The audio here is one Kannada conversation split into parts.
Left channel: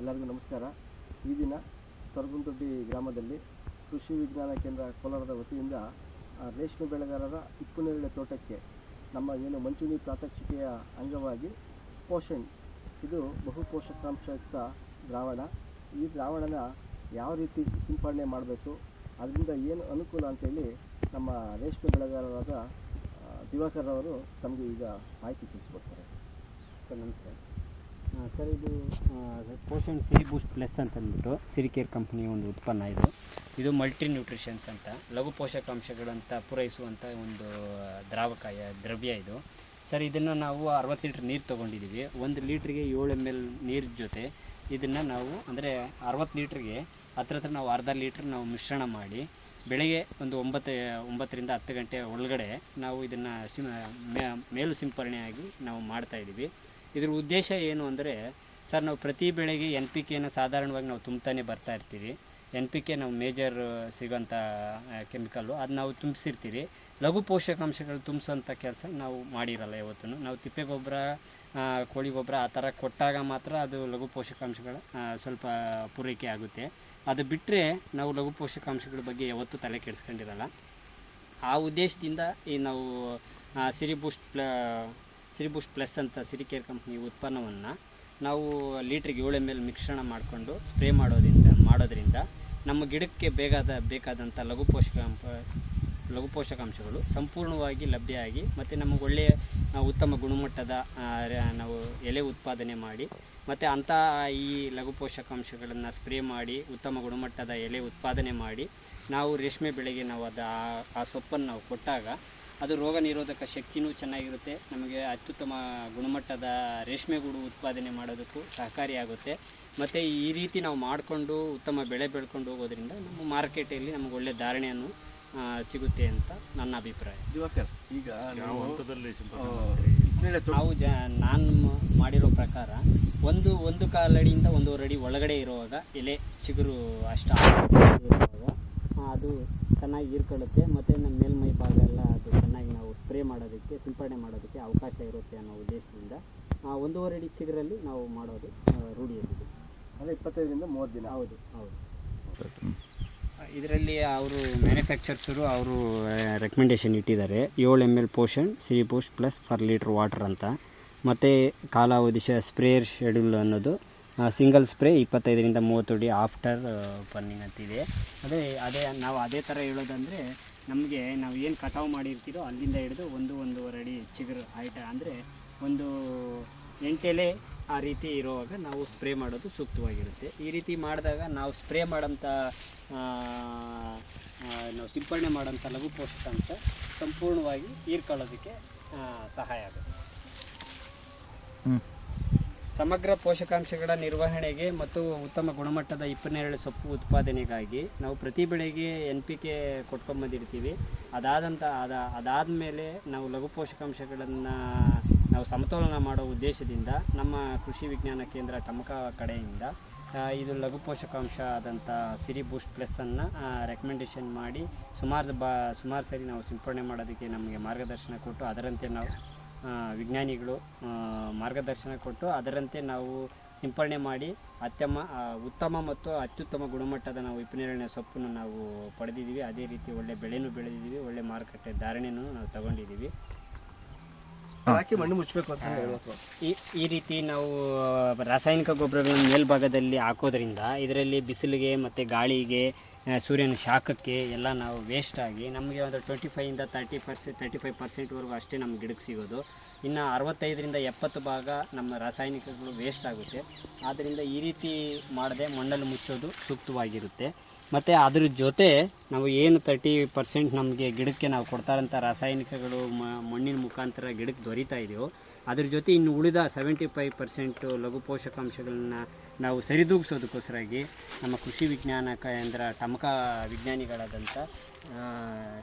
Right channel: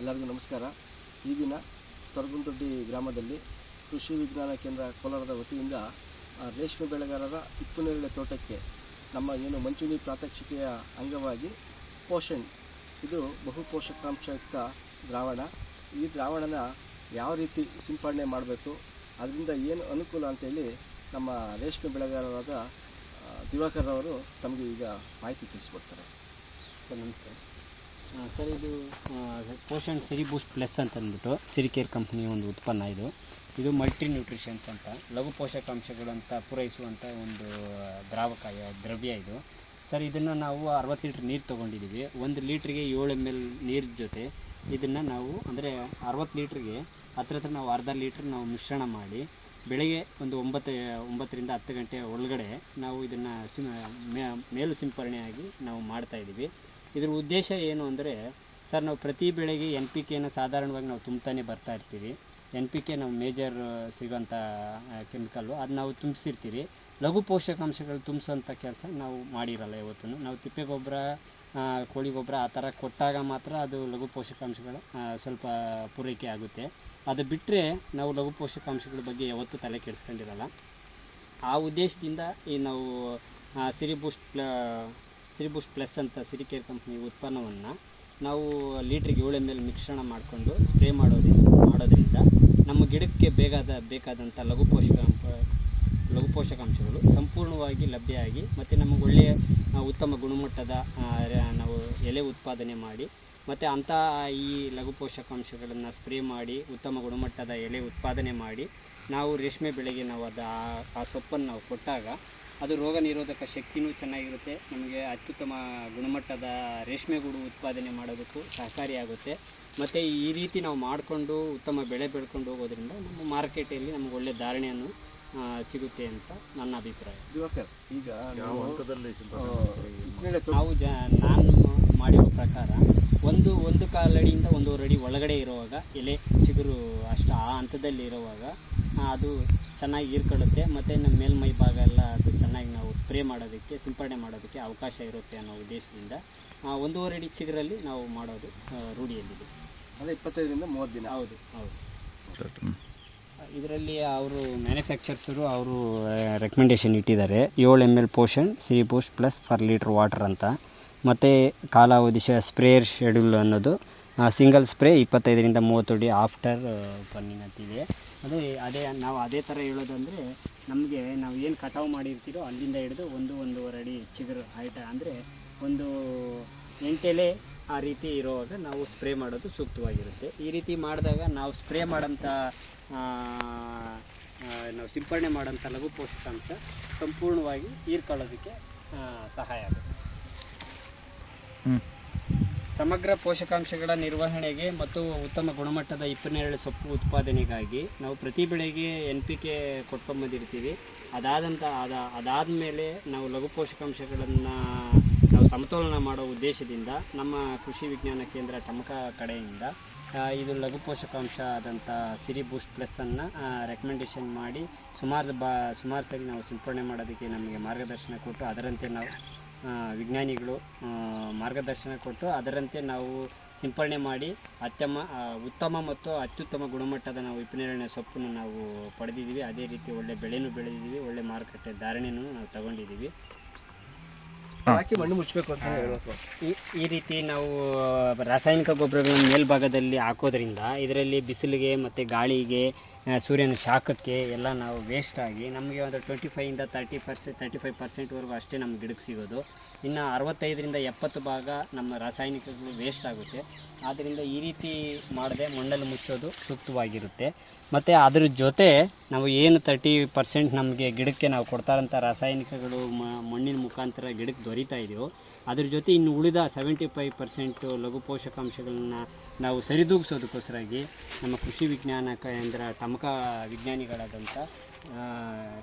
ಎಲ್ಲರಿಗೂ ನಮಸ್ಕಾರ. ಈ ದಿನ ತೊರಗುಂದೊಡ್ಡಿ ಗ್ರಾಮದಲ್ಲಿ ಕೃಷಿ ವಿಜ್ಞಾನ ಕೇಂದ್ರ ಕೋಲಾರದ ವತಿಯಿಂದ ರೇಷ್ಮೆ ಬೆಳೆಗಾರರ ಹಿಪ್ಪುನೇರಳೆ ತೋಟಕ್ಕೆ ನಮ್ಮ ಏನು ಮಂಚೂಣಿ ಪ್ರಾತ್ಯಕ್ಷಿಕೆಯ ಅಂಗವಾಗಿ ಪೋಷಣ್, ಇದು ಬಹು ಪೋಷಕಾಂಶಯುಕ್ತ ದ್ರಾವಣ. ಈ ದ್ರಾವಣನ ಯಾವ ರೀತಿ ಸಿಂಪಡಣೆ ಮಾಡಬೇಕು, ಅದರಿಂದ ಏನು ಅನುಕೂಲ ಅಂತೇಳಿ ನಮ್ಮ ರೇಷ್ಮೆ ಬೆಳೆಗಾರರಾದ ದಿವಾಕರ್ ಅವರು ತಮಗೆ ಈಗ ಮಾಹಿತಿ ತಿಳಿಸ್ಕೊಡ್ತಾರೆ. ಸರ್ ನಮಸ್ಕಾರ. ಸರ್, ಇದು ಪೋಷಣ್ ಸಿರಿ ಬೂಸ್ಟ್ ಪ್ಲಸ್ ಅಂತ ಅಂದ್ಬಿಟ್ಟು ಸಿರಿಕೇರ್ ಕಂಪ್ನಿಯ ಒಂದು ಉತ್ಪನ್ನ. ಇದು ಮಲ್ಟಿ ನ್ಯೂಟ್ರಿಷನ್ಸ್ ಅಂತ ಲಘು ಪೋಷಕಾಂಶಗಳಂತ ಪೂರೈಸುವಂಥ ಒಂದು ದ್ರವ್ಯ ಇದು. ಸರ್, ಇದನ್ನು ನಾವು 60 ಲೀಟ್ರ್ ನೀರು ತೊಗೊಂಡಿದ್ದೀವಿ. 1 ಲೀಟ್ರಿಗೆ 7 ml ನೀರು ಜೊತೆ ಇದನ್ನು ನಾವು ಅಂದರೆ 60 ಲೀಟ್ರಿಗೆ ಹತ್ರ ನಾವು ಅರ್ಧ ಲೀಟ್ರ್ ನಾವು ಮಿಶ್ರಣ ಮಾಡಿ ಬೆಳಗ್ಗೆ ಒಂದು 9ರಿಂದ 10 ಗಂಟೆ ಒಳಗಡೆ ನಾವು ಇದನ್ನು ಮೇಲು ಸಿಂಪರಣೆಯಾಗಿ ನಾವು ಮಾಡ್ತಾಯಿದ್ದೀವಿ. ಇದ್ರ ಉದ್ದೇಶ ಏನು ಅಂದರೆ, ಸರ್, ನಾವು ಪ್ರತಿ ಬೆಳೆಗೆ NPKನ ಸಾಧಾರಣವಾಗಿ ನಾವು ತುಂಬ್ತಾನೆ ಬರ್ತಾ ಇರ್ತೀವಿ. NPK ನಾವು ಮೇಜರ್ ಸಿಗೋಂಥ ಕೆಮಿಕಲ್ಲು, ಅದು ನಾವು ತುಂಬಿಸಿರ್ತೀವಿ. ಲಘು ಪೋಷಕಾಂಶಗಳು ತುಂಬಿಸೋಂಥ ಕೆಲಸ ನಾವು ಮಾಡಿರಲ್ಲ ಯಾವತ್ತೂ. ನಾವು ತಿಪ್ಪೆ ಗೊಬ್ಬರ, ಕೋಳಿ ಗೊಬ್ಬರ ಆ ಥರ ಕೊಟ್ಟಾಗ ಮಾತ್ರ ಅದು ಲಘು ಪೋಷಕಾಂಶಗಳ ಸ್ವಲ್ಪ ಪೂರೈಕೆ ಆಗುತ್ತೆ. ಅದು ಬಿಟ್ಟರೆ ನಾವು ಲಘು ಪೋಷಕಾಂಶಗಳ ಬಗ್ಗೆ ಯಾವತ್ತೂ ತಲೆ ಕೆಡಿಸ್ಕೊಂಡಿರಲ್ಲ. ಆ ಉದ್ದೇಶದಿಂದ ಈ ನಾವು ಸಿರಿ ಬೂಸ್ಟ್ ಪ್ಲಸ್ ಅಂತ ಸಿರಿಕೇರ್ ಕಂಪ್ನಿ ಉತ್ಪನ್ನವನ್ನು ನಾವು ಲೀಟ್ರಿಗೆ 7 ml ಮಿಶ್ರಣ ಮಾಡಿಕೊಂಡು ಸ್ಪ್ರೇ ಮಾಡೋದ್ರಿಂದ ನಮ್ಮ ಗಿಡಕ್ಕೆ ಬೇಕಾದಂಥ ಲಘು ಪೋಷಕಾಂಶಗಳು ಸಂಪೂರ್ಣವಾಗಿ ಲಭ್ಯ ಆಗಿ ಮತ್ತು ನಮಗೆ ಒಳ್ಳೆಯ ಉತ್ತಮ ಗುಣಮಟ್ಟದ ನಾವು ಎಲೆ ಉತ್ಪಾದನೆ ಮಾಡಿ ಮತ್ತು ಅಂಥ ಈ ಲಘು ಪೋಷಕಾಂಶಗಳನ್ನು ಸ್ಪ್ರೇ ಮಾಡಿ ಉತ್ತಮ ಗುಣಮಟ್ಟದ ಎಲೆ ಉತ್ಪಾದನೆ ಮಾಡಿ ನಾವು ರೇಷ್ಮೆ ಬೆಳೆಗೆ ನಾವು ಆ ಸೊಪ್ಪನ್ನು ನಾವು ಕೊಟ್ಟಾಗ ಅದು ರೋಗ ನಿರೋಧಕ ಶಕ್ತಿನೂ ಚೆನ್ನಾಗಿರುತ್ತೆ. ನಮಗೆ ಅತ್ಯುತ್ತಮ ಗುಣಮಟ್ಟದ ರೇಷ್ಮೆ ಗೂಡು ಉತ್ಪಾದನೆ ಮಾಡೋದಕ್ಕೂ ಸಹಕಾರಿಯಾಗುತ್ತೆ. ಮತ್ತು ಈ ರೀತಿ ನಾವು ಮಾಡಿಕೊಂಡು ಉತ್ತಮ ಬೆಳೆ ಬೆಳ್ಕೊಂಡು ಹೋಗೋದ್ರಿಂದ ನಮ್ಮ ಮಾರ್ಕೆಟಲ್ಲಿ ನಮಗೆ ಒಳ್ಳೆಯ ಧಾರಣೆಯನ್ನು ಸಿಗುತ್ತೆ ಅಂತ ನನ್ನ ಅಭಿಪ್ರಾಯ. ದಿವಾಕರ್, ಈಗ ನಾವು ನಾನು ಮಾಡಿರೋ ಪ್ರಕಾರ ಒಂದು ಕಾಲಡಿಯಿಂದ 1.5 ಅಡಿ ಒಳಗಡೆ ಇರುವಾಗ ಎಲೆ ಚಿಗುರು ಅಷ್ಟು ಆಳದಲ್ಲಿ ಇರುವಾಗ ಅದು ಚೆನ್ನಾಗಿ ಹೀರ್ಕೊಳ್ಳುತ್ತೆ ಮತ್ತು ನಮ್ಮ ಮೇಲ್ಮೈ ಭಾಗ ಎಲ್ಲ ಅದು ಚೆನ್ನಾಗಿ ನಾವು ಸ್ಪ್ರೇ ಮಾಡೋದಕ್ಕೆ ಸಿಂಪಡಣೆ ಮಾಡೋದಕ್ಕೆ ಅವಕಾಶ ಇರುತ್ತೆ ಅನ್ನೋ ಉದ್ದೇಶದಿಂದ 1.5 ಅಡಿ ಚಿಗುರಲ್ಲಿ ನಾವು ಮಾಡೋದು ರೂಢಿಯಲ್ಲಿದೆ. ಅದೇ 25ರಿಂದ 30 ದಿನ. ಹೌದು. ಇದರಲ್ಲಿ ಅವರು ಮ್ಯಾನುಫ್ಯಾಕ್ಚರ್ಸರು ಅವರು ರೆಕಮೆಂಡೇಶನ್ ಇಟ್ಟಿದ್ದಾರೆ 7 ml ಪೋಷಣ್ ಸಿರಿ ಬೂಸ್ಟ್ ಪ್ಲಸ್ ಪರ್ ಲೀಟ್ರ್ ವಾಟರ್ ಅಂತ. ಮತ್ತು ಕಾಲಾವಧಿ ಸ್ಪ್ರೇಯರ್ ಶೆಡ್ಯೂಲ್ ಅನ್ನೋದು ಸಿಂಗಲ್ ಸ್ಪ್ರೇ 25ರಿಂದ 30 ಅಡಿ ಆಫ್ಟರ್ ಪನ್ನಿಂಗ್ ಅಂತಿದೆ. ನಾವು ಅದೇ ಥರ ಹೇಳೋದಂದರೆ, ನಮಗೆ ನಾವು ಏನು ಕಟಾವು ಮಾಡಿರ್ತೀರೋ ಅಲ್ಲಿಂದ ಹಿಡಿದು 1-1.5 ಅಡಿ ಚಿಗುರು ಹೈಟ್ ಅಂದರೆ ಒಂದು 8 ಎಲೆ ಆ ರೀತಿ ಇರುವಾಗ ನಾವು ಸ್ಪ್ರೇ ಮಾಡೋದು ಸೂಕ್ತವಾಗಿರುತ್ತೆ. ಈ ರೀತಿ ಮಾಡಿದಾಗ ನಾವು ಸ್ಪ್ರೇ ಮಾಡೋಂಥ ನಾವು ಸಿಂಪಡಣೆ ಮಾಡೋಂಥ ಲಘು ಪೋಷಕಾಂಶ ಸಂಪೂರ್ಣವಾಗಿ ಹೀರ್ಕೊಳ್ಳೋದಕ್ಕೆ ಸಹಾಯ ಆಗುತ್ತೆ. ಸಮಗ್ರ ಪೋಷಕಾಂಶಗಳ ನಿರ್ವಹಣೆಗೆ ಮತ್ತು ಉತ್ತಮ ಗುಣಮಟ್ಟದ ಹಿಪ್ಪುನೇರಳೆ ಸೊಪ್ಪು ಉತ್ಪಾದನೆಗಾಗಿ ನಾವು ಪ್ರತಿ ಬೆಳೆಗೆ NPK ಕೊಟ್ಕೊಂಬಂದಿರ್ತೀವಿ. ಅದಾದಮೇಲೆ ನಾವು ಲಘು ಪೋಷಕಾಂಶಗಳನ್ನು ನಾವು ಸಮತೋಲನ ಮಾಡೋ ಉದ್ದೇಶದಿಂದ ನಮ್ಮ ಕೃಷಿ ವಿಜ್ಞಾನ ಕೇಂದ್ರ ಟಮಕ ಕಡೆಯಿಂದ ಇದು ಲಘು ಪೋಷಕಾಂಶ ಆದಂಥ ಸಿರಿ ಬೂಸ್ಟ್ ಪ್ಲಸ್ಸನ್ನು ರೆಕಮೆಂಡೇಶನ್ ಮಾಡಿ ಸುಮಾರು ಸರಿ ನಾವು ಸಿಂಪಡಣೆ ಮಾಡೋದಕ್ಕೆ ನಮಗೆ ಮಾರ್ಗದರ್ಶನ ಕೊಟ್ಟು ಅದರಂತೆ ನಾವು ವಿಜ್ಞಾನಿಗಳು ಮಾರ್ಗದರ್ಶನ ಕೊಟ್ಟು ಅದರಂತೆ ನಾವು ಸಿಂಪಡಣೆ ಮಾಡಿ ಉತ್ತಮ ಮತ್ತು ಅತ್ಯುತ್ತಮ ಗುಣಮಟ್ಟದ ನಾವು ಹಿಪ್ಪುನೇರಳೆ ಸೊಪ್ಪನ್ನು ನಾವು ಪಡೆದಿದ್ದೀವಿ. ಅದೇ ರೀತಿ ಒಳ್ಳೆ ಬೆಳೆನೂ ಬೆಳೆದಿದ್ದೀವಿ, ಒಳ್ಳೆ ಮಾರುಕಟ್ಟೆ ಧಾರಣೆನೂ ನಾವು ತಗೊಂಡಿದ್ದೀವಿ. ಮಣ್ಣು ಮುಚ್ಚಬೇಕು ಅಂತ ಈ ರೀತಿ ನಾವು ರಾಸಾಯನಿಕ ಗೊಬ್ಬರಗಳನ್ನು ಮೇಲ್ಭಾಗದಲ್ಲಿ ಹಾಕೋದ್ರಿಂದ ಇದರಲ್ಲಿ ಬಿಸಿಲಿಗೆ ಮತ್ತು ಗಾಳಿಗೆ ಸೂರ್ಯನ ಶಾಖಕ್ಕೆ ಎಲ್ಲ ನಾವು ವೇಸ್ಟ್ ಆಗಿ ನಮಗೆ ಒಂದು 25ರಿಂದ 35% ಅಷ್ಟೇ ನಮ್ಮ ಗಿಡಕ್ಕೆ ಸಿಗೋದು. ಇನ್ನು 65ರಿಂದ 70 ಭಾಗ ನಮ್ಮ ರಾಸಾಯನಿಕಗಳು ವೇಸ್ಟ್ ಆಗುತ್ತೆ. ಆದ್ದರಿಂದ ಈ ರೀತಿ ಮಾಡದೆ ಮಣ್ಣಲ್ಲಿ ಮುಚ್ಚೋದು ಸೂಕ್ತವಾಗಿರುತ್ತೆ. ಮತ್ತು ಅದ್ರ ಜೊತೆ ನಾವು ಏನು 30% ನಮಗೆ ಗಿಡಕ್ಕೆ ನಾವು ಕೊಡ್ತಾರಂಥ ರಾಸಾಯನಿಕಗಳು ಮಣ್ಣಿನ ಮುಖಾಂತರ ಗಿಡಕ್ಕೆ ದೊರೀತಾ ಇದೆಯೋ ಅದ್ರ ಜೊತೆ ಇನ್ನು ಉಳಿದ 75% ಲಘು ಪೋಷಕಾಂಶಗಳನ್ನ ನಾವು ಸರಿದೂಗಿಸೋದಕ್ಕೋಸ್ಕರಾಗಿ ನಮ್ಮ ಕೃಷಿ ವಿಜ್ಞಾನ ಕೇಂದ್ರ ಟಮಕ ವಿಜ್ಞಾನಿಗಳಾದಂಥ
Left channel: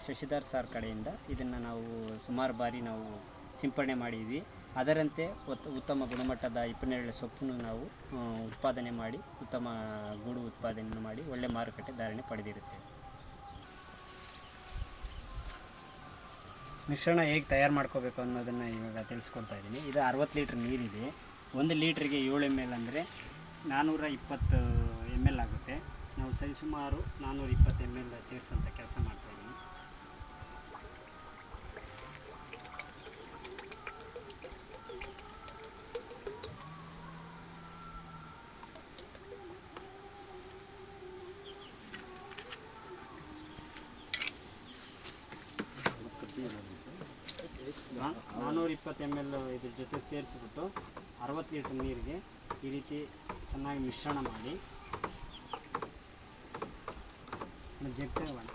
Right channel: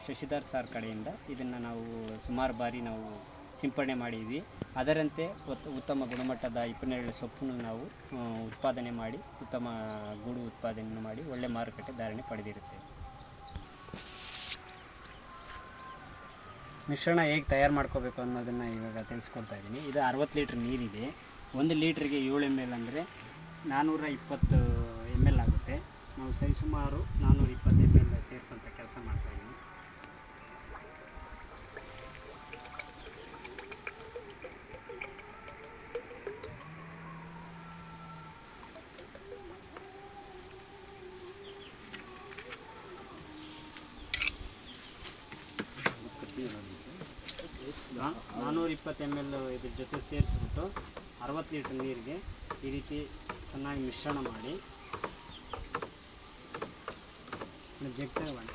ಶಶಿಧರ್ ಸರ್ ಕಡೆಯಿಂದ ಇದನ್ನು ನಾವು ಸುಮಾರು ಬಾರಿ ನಾವು ಸಿಂಪಡಣೆ ಮಾಡಿದ್ವಿ. ಅದರಂತೆ ಉತ್ತಮ ಗುಣಮಟ್ಟದ ಹಿಪ್ಪುನೇರಳೆ ಸೊಪ್ಪನ್ನು ನಾವು ಉತ್ಪಾದನೆ ಮಾಡಿ ಉತ್ತಮ ಗೂಡು ಉತ್ಪಾದನೆ ಮಾಡಿ ಒಳ್ಳೆ ಮಾರುಕಟ್ಟೆ ಧಾರಣೆ ಪಡೆದಿರುತ್ತೇವೆ. ಮಿಶ್ರಣ ಹೇಗೆ ತಯಾರು ಮಾಡ್ಕೋಬೇಕು ಅನ್ನೋದನ್ನು ಇವಾಗ ತಿಳಿಸ್ಕೊಡ್ತಾ ಇದ್ದೀನಿ. ಇದು 60 ಲೀಟ್ರ್ ನೀರಿದೆ. 1 ಲೀಟ್ರಿಗೆ 7 ml ಅಂದರೆ 420 ml ಆಗುತ್ತೆ. ನಾವು ಸರಿಸುಮಾರು 420 ml ಸೇರಿಸೋಂಥ ಕೆಲಸ ಮಾಡ್ತಾಯಿದ್ದೀವಿ. ನಾ 420 ml ಇದ್ರ ಜೊತೆ ಸೇರಿಸ್ಬಿಟ್ಟು 60 ಲೀಟ್ರ್ ನೀರಿಗೆ ಈ ರೀತಿ ಚೆನ್ನಾಗಿ ಮಿಶ್ರಣ ಮಾಡಿ ಜಗ್ ತಗೊಂಡು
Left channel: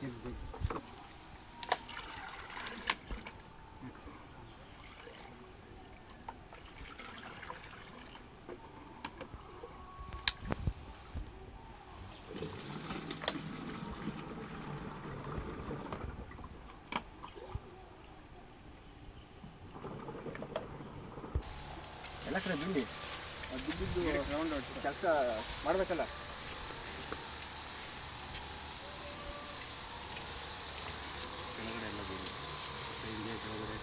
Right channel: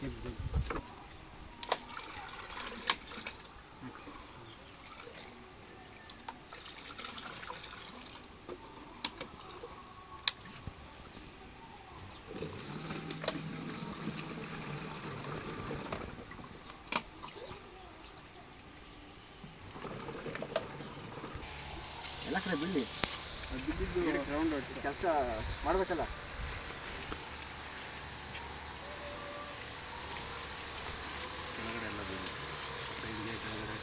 ಜಗ್ ಎಲ್ಲ ಕಡೆ ಬಿಡಿ ಬಿದ್ದಿದ್ದು ರೌಂಡ್ ಕೆಲಸ ಮಾಡಬೇಕಲ್ಲ. ಕೆಳಗಡೆ ಎಲ್ಲ ಬಿಡಿ ಸೈಡ್ಗೆ ಕೆಳಗಡೆ.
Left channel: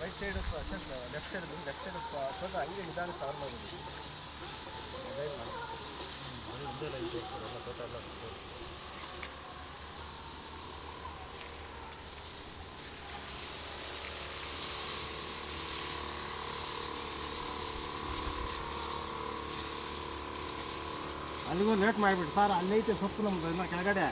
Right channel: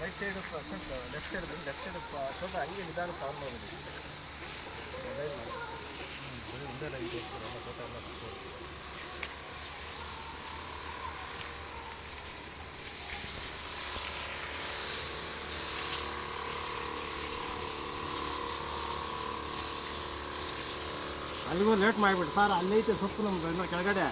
ರೈಟ್ ಸೈಡ್ ಲೆಫ್ಟ್ ಸೈಡ್ ಸ್ವಲ್ಪ ಹಂಗೆ ನಿಧಾನ ಕವರ್ ಮಾಡ್ಬೋದು. ಒಂದೇ ಲೈಟ್ ಎಲ್ಲ ಫೋಟೋ ಎಲ್ಲ ಅಲ್ಲಿಗೂ ಲೇಟ್ ಮಾಡಿಬಿಟ್ಟು ಸರ್, ಅಲ್ಲೈತೆ ಸೊಪ್ಪು ನಮ್ದು ಇನ್ನೂ ಕೆಳಗಡೆ.